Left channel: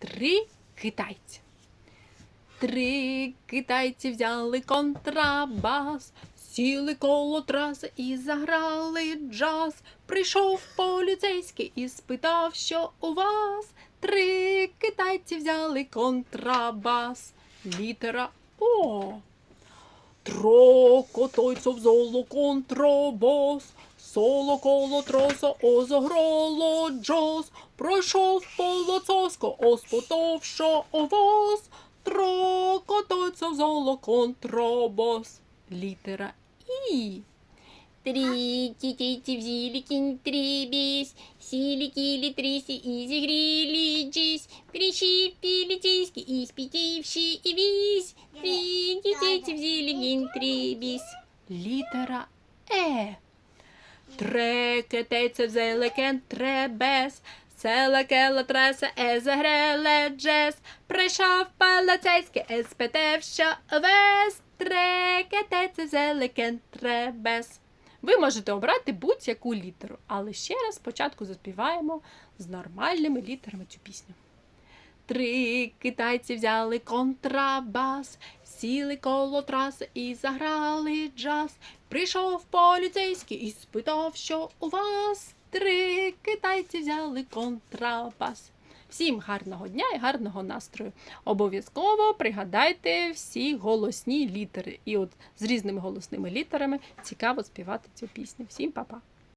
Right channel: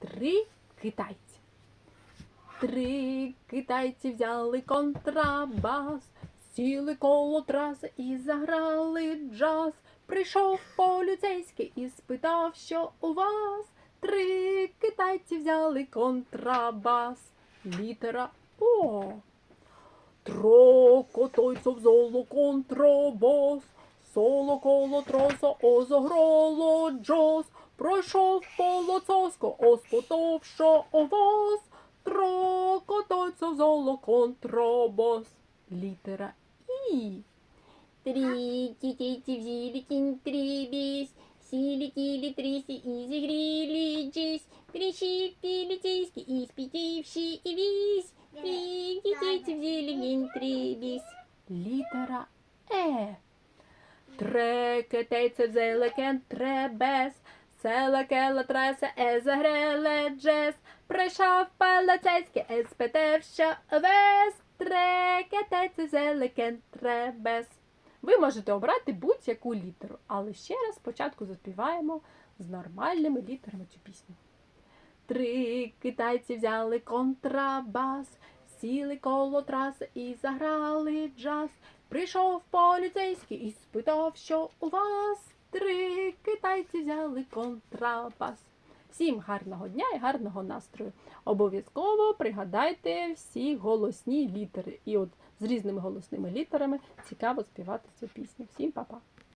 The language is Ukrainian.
Три китайці. Три китайці взяли контрабас, сіли коло траси і заграли джаз. Прийшов поліцейський і спитав, що у вас. Три китайці взяли контрабас. Літера О. Трокотойцов золо контрабас, соло коло троса озограло джаз, пройшов полоцовсько, оспотов, що овоз, трокотойцов золо контрабас. Літера І. Китайцы взяли контрабас, сели кили тряси и загрели джаз. Пришли полицейский и спятивший весь. Три китайцы взяли контрабас. Літера Е. Трекетейце взяли контрабас, Села кела треса е загреле джес, прийшов поліцейський, е спитав, що весь трекетейце взяли контрабас. Ви можете обрати будь-яку літеру, але ще раз спочатку заспіваємо з нормальними літерами цю пісню. Три китайці взяли контрабас, сіли коло траси і заграли джаз. Прийшов поліцейський і спитав, що у вас три китайці взяли контрабас. Всім гарного дня і гарного настрою. Обов'язково пригадайте всі голосні літери. І от з різними голосними літерами цікаво співати цю пісню. Всім па-па!